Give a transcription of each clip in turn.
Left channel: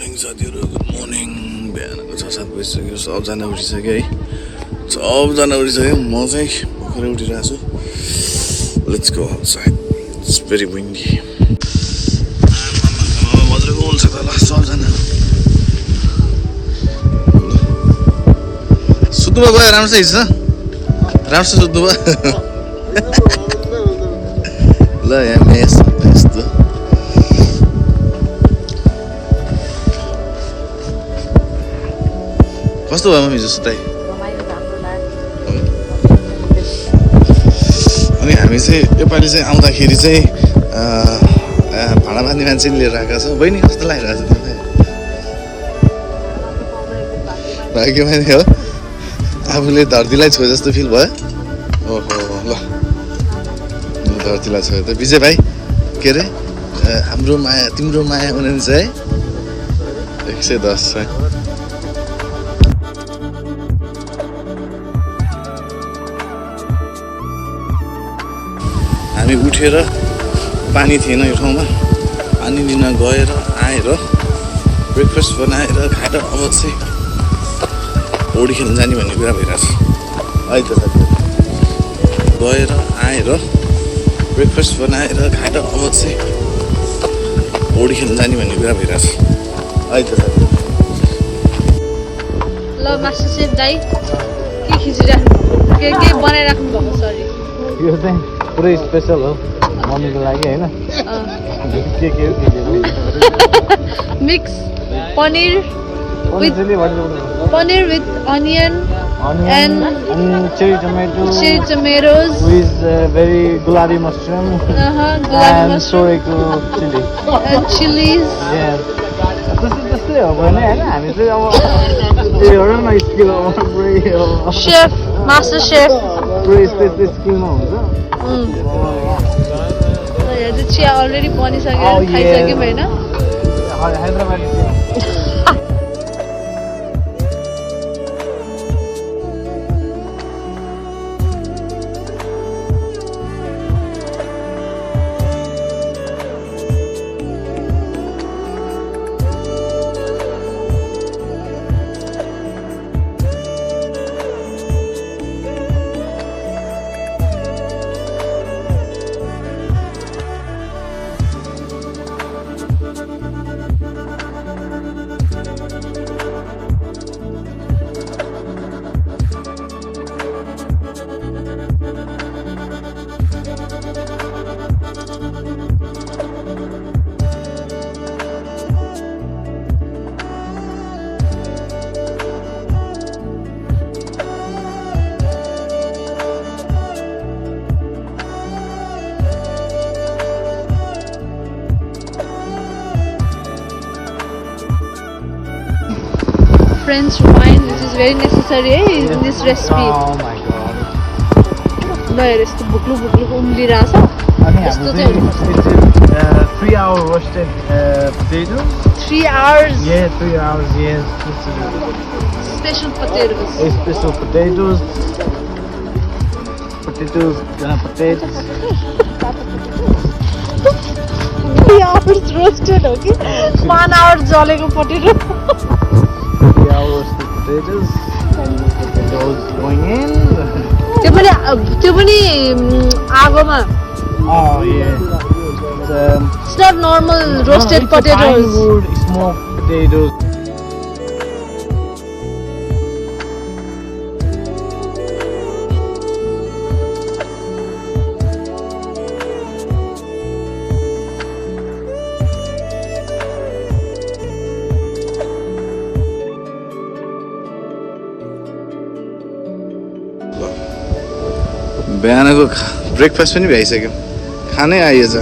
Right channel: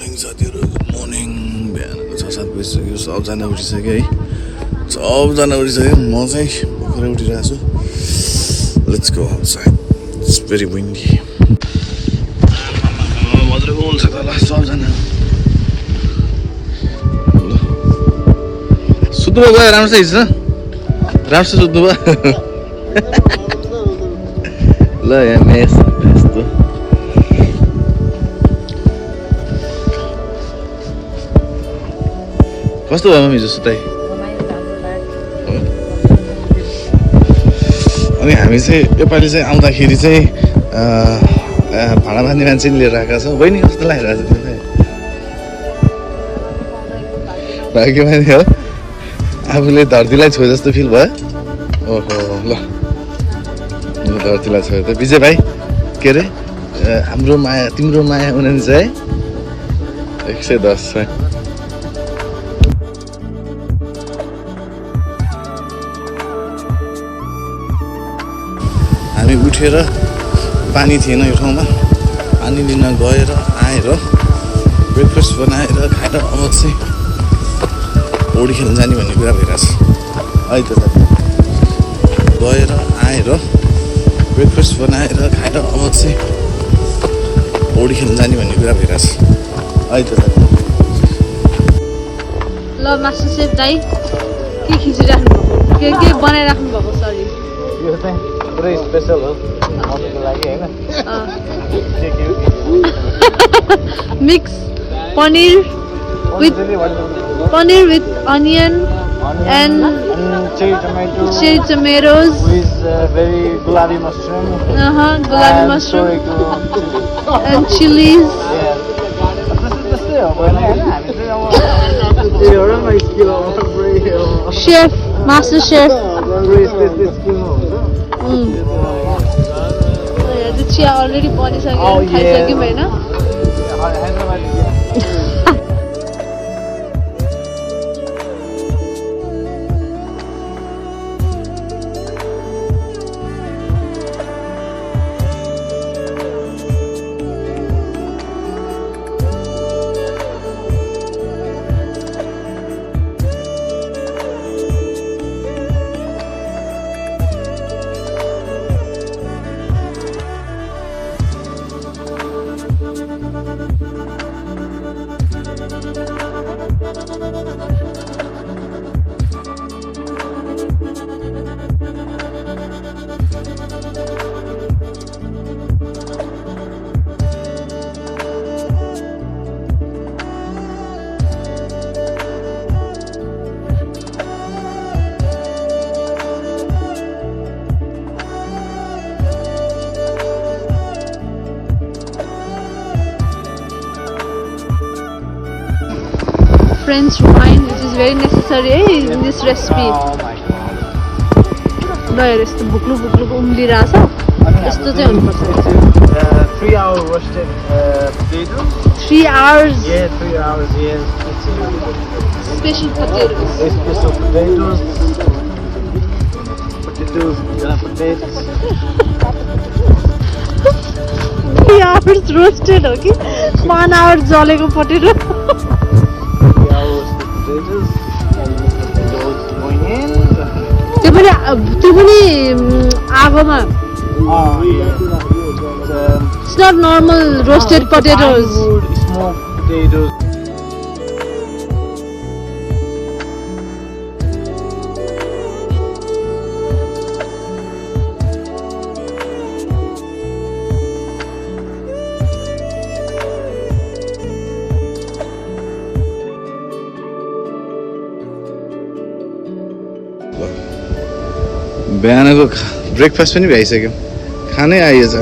Morning साथीहरू, good morning. बिहानको 6-7 बजिसक्यो, सबजना उठिसक्यो है, सबजना उठिसक्यो। म चाहिँ भर्खरै उठिरहेको छु। Let's go outside, it's very windy. मजाको हुन्छ त ल सबजना। सुत्नु भयो? राम्रो छ हिजो राम्रो छ सुत्नु भयो। ल यहाँ मेस यस्तो कस्तो भयो मम्मी जस्तो सुताइ? अनि हामी चाहिँ योपालि चाहिँ आउँदाखेरि चाहिँ भाडा बाँध्ने मान्छे नि लिएर आएका छौँ। बहिनी कस्तो लागिरहेको छ तिमीलाई? भाग्यमा नि हो, आफूले धरतीलाई छोए जस्तो फिल भयो। ओहो ल, धरतीलाई छोयो त। विजय भाइ के अरे हाम्रो माया तिम्रो माया उनीहरू चाहिँ 110 छ। हामी उठेर पानी थिएन यो ठाउँमा, पानी लिन गएर आएर ब्रेकफास्ट बनाएर खाएर अब चाहिँ पौडी खेल्न जाने भन्ने कुरा भइरहेछ है त साथीहरू। गएर आएर ब्रेकफास्ट बनाएर खाएर अब चाहिँ पौडी खेल्न जाने भन्ने कुरा भइरहेछ है त साथीहरू। ल मास्टर सेफ दाइ के खिचिराख्नु के बनाइराख्नु भएको? सरी पुरै स्पेशल हो मम्मीले लागि हैन। Mix paneer with onion and cherry tomatoes, gulabi mushroom and chilies. Chef, master chef. चिया अलरेडी बनिसक्यो, खाइसक्यो होइन? French wine, which is very necessary in this recipe. गएर यस्तो लिइरहेछ, यस्तो चाहिँ हुनुपर्छ। 3 hour roasted potato. 3 hours. Yeah, 3 hours. Yes. Special potatoes. Special potatoes. Potatoes. 3 hours roasted हो कि 1 hour जलेको पोटेटो? त्यो पनि आगोमा। It's not normal roasted potatoes. बिहानको ब्रेकफास्ट पनि भइसक्यो, खानै आइएछ। ल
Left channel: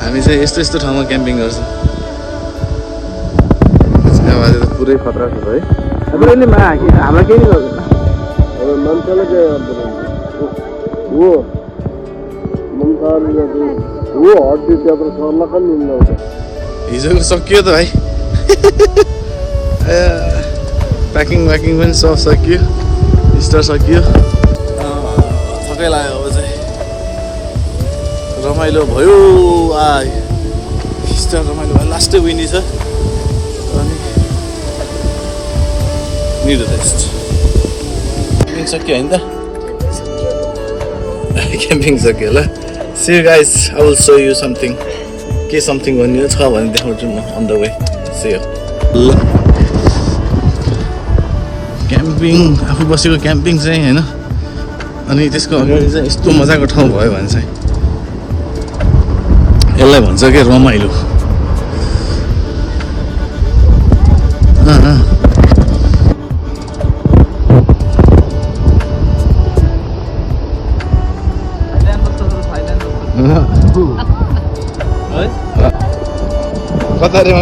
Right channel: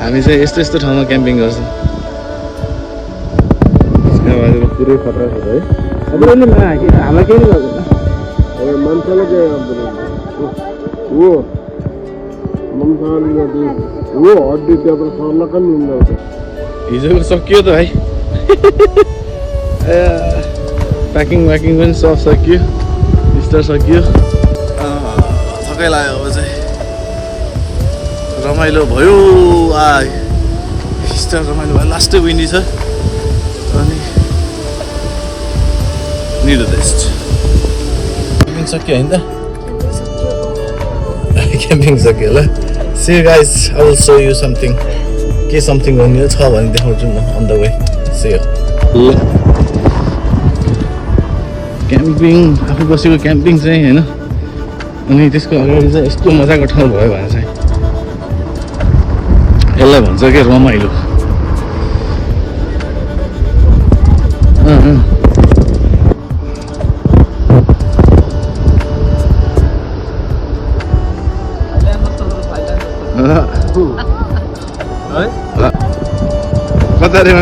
हामी चाहिँ यस्तो यस्तो ठाउँमा क्याम्पिङ गर्छौँ। आज त पुरै खतरा छ है। अब अहिले हामीलाई केही गर्दैन, मान्छेले हिजोको सकियो त भाइ। प्याकिङ पनि सब सकियो, स्टार सकियो। थकाइ लाग्यो अब चाहिँ, रमाइलो भयो। स्टार रमाइलो भयो लास्टै विन्डी छ अनि निड रेस्ट क्याम्पिङ सक्यो होइन त क्याम्पिङ सक्यो ल see you guys I will show you something के समथिङ भन्ने छ भने देखाउँछु म on the way see you ल क्याम्पिङ आफू बसेको क्याम्पिङ चाहिँ होइन अनि त्यसको अगाडि चाहिँ यस्तो मजाको ठाउँ भयो भने चाहिँ यसलाई भन्छ के रमाइलो कतारे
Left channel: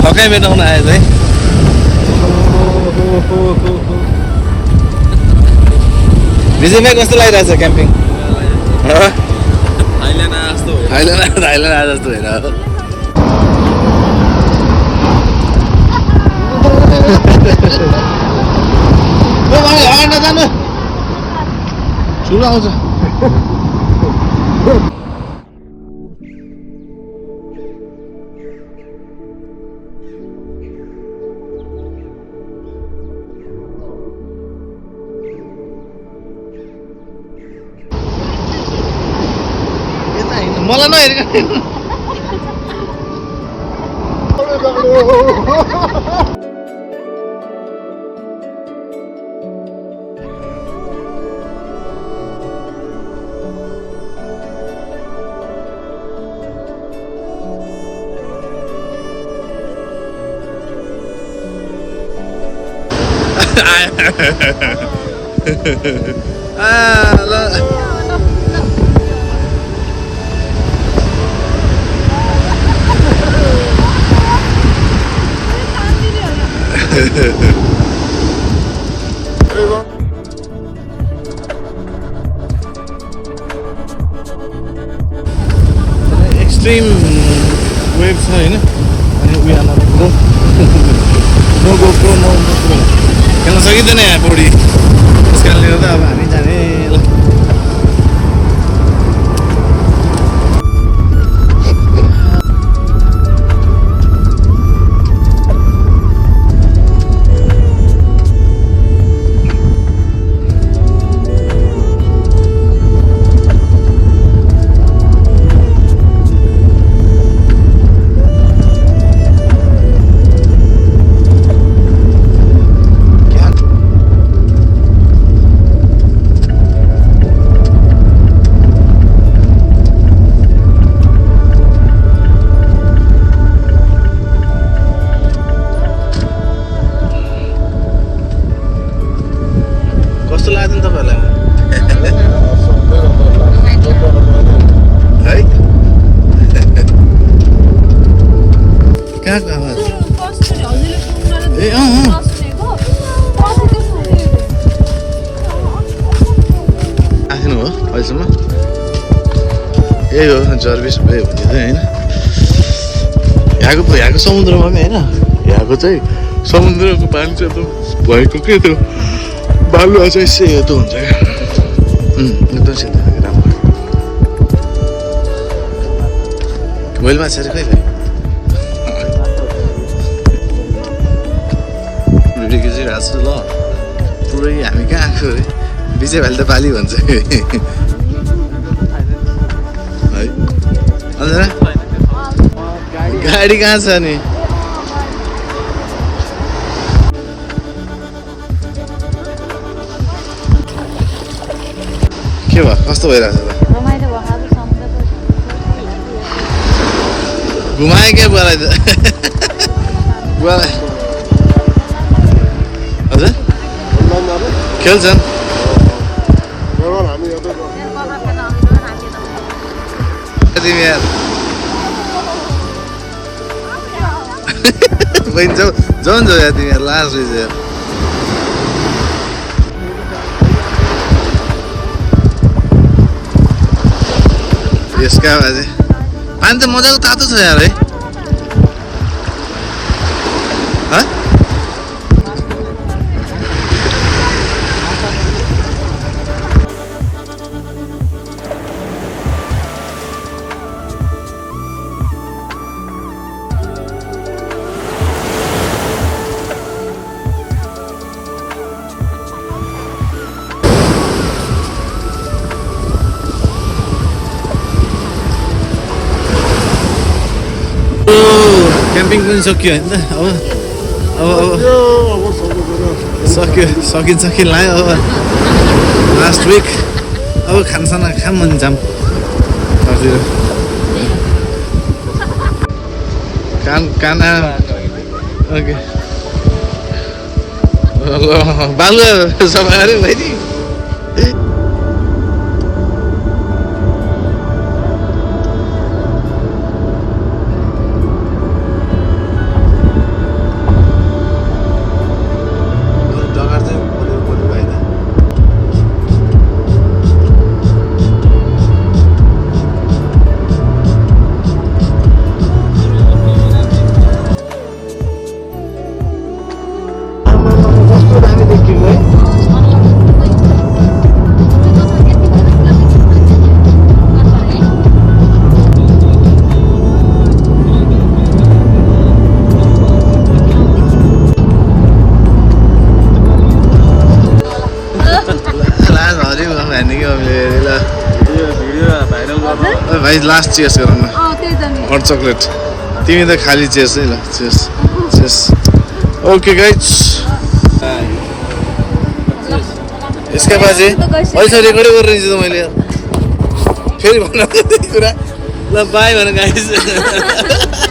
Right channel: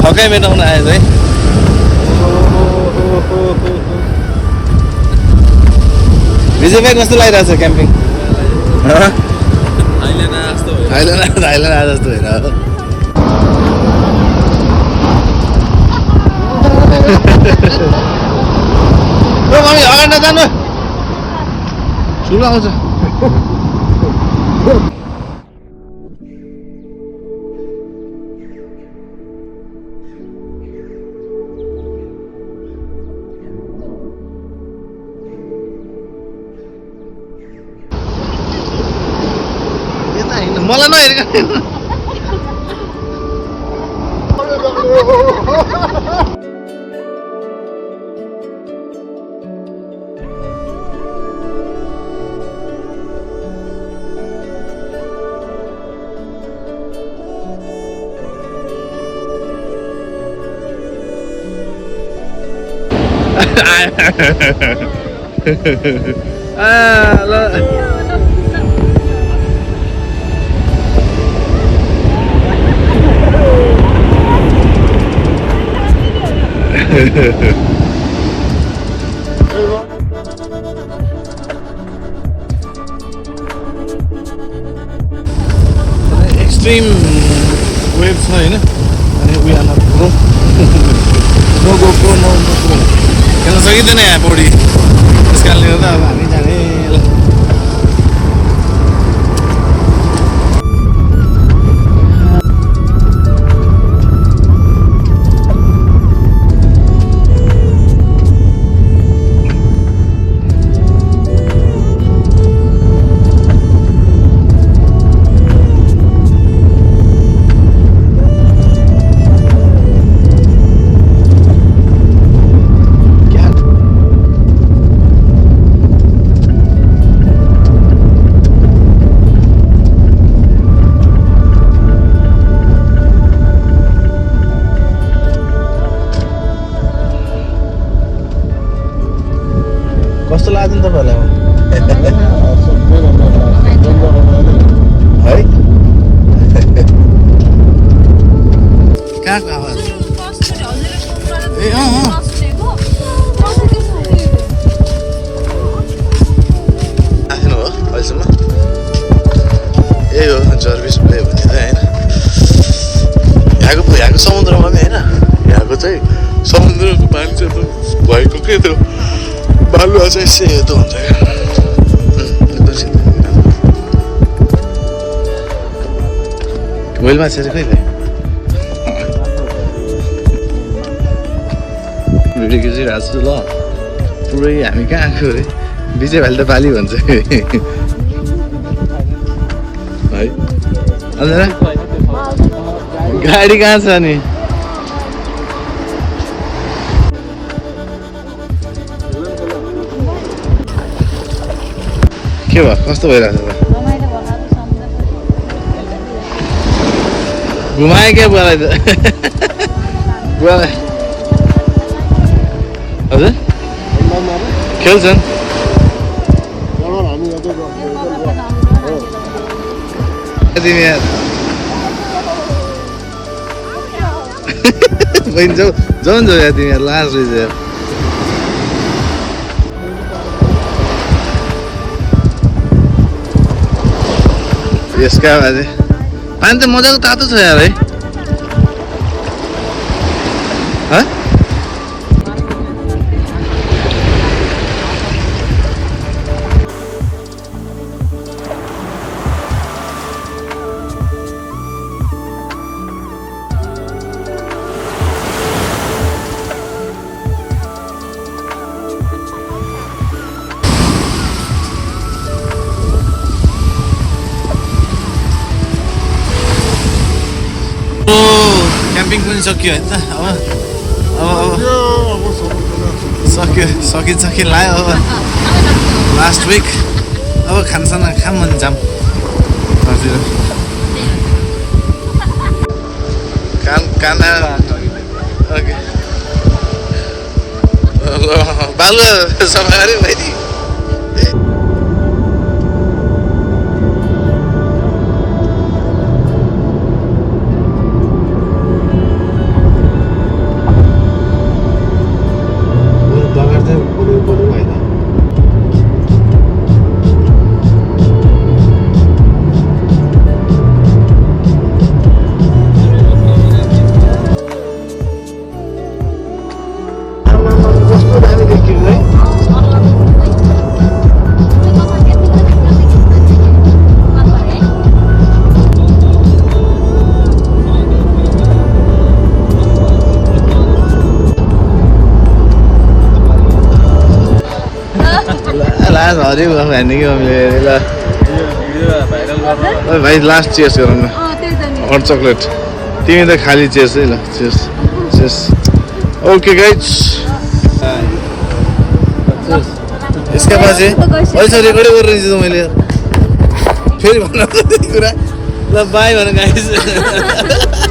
थकाइ मेटाउन आयो है विजय भाइ कस्तो लागिरहेको छ क्याम्पिङ थाइल्यान्ड आए जस्तो हेर अगाडि नजानु ठुलो आउँछ मलाई नहेरेको एक्सट्रिम वेभ छ होइन अनि उयो नो गोप्रो नो खेल्न सकिँदैन यहाँ पौडी त्यस कारणले गर्दा अब हामी जाने कस्तो लाग्छ नि तपाईँहरूलाई है कहाँको आवाज आफ्नो हो अहिलेसम्म यही हो जर्बिस भयो भने चाहिँ होइन यहाँको समुद्रमा पनि होइन यहाँको चाहिँ समुद्रको पानी चाहिँ एकदम भएको के त्यो बालुवा चाहिँ सेतो हुन्छ क्या एकदम सेतो राम्रो वेल माछा चाहिँ कहिले भिडियो खिचिरहेको छु ल पुरै हामी कहाँ आएको अरे विजय भाइले त बाली भन्छ है अन्त गाडी कहाँ छ नि के भयो कस्तो भइरहेको छ घुमायो क्या बुवालाई त बुवालाई हजुर खेल्छन् तिमी यार बहिनी जाऊ जाऊ न जाऊ यार तिमी यार लास्ट रहेछ यार यसका बाजे पानी त मजाको तातो छ यार है क्याम्पिङ पनि सकियो होइन त अब अब सक्यो सकिन्छ कि लाग्यो अब लास्ट विक अब खानसाना खाम अनि जाम हजुर काना ओके ल बालुवा सफा गऱ्यो बहिनी हरियो भन्ने कि मैले ल भाइ लास्ट चेस गर न हट चक्लेट तिमी त खाली चेस है ल चेस चेस ओके गाइज यसका बाजे अहिले रेकर्डै गरेर त मैले फेरि भन्नु कुरा ल बाई भन गाइज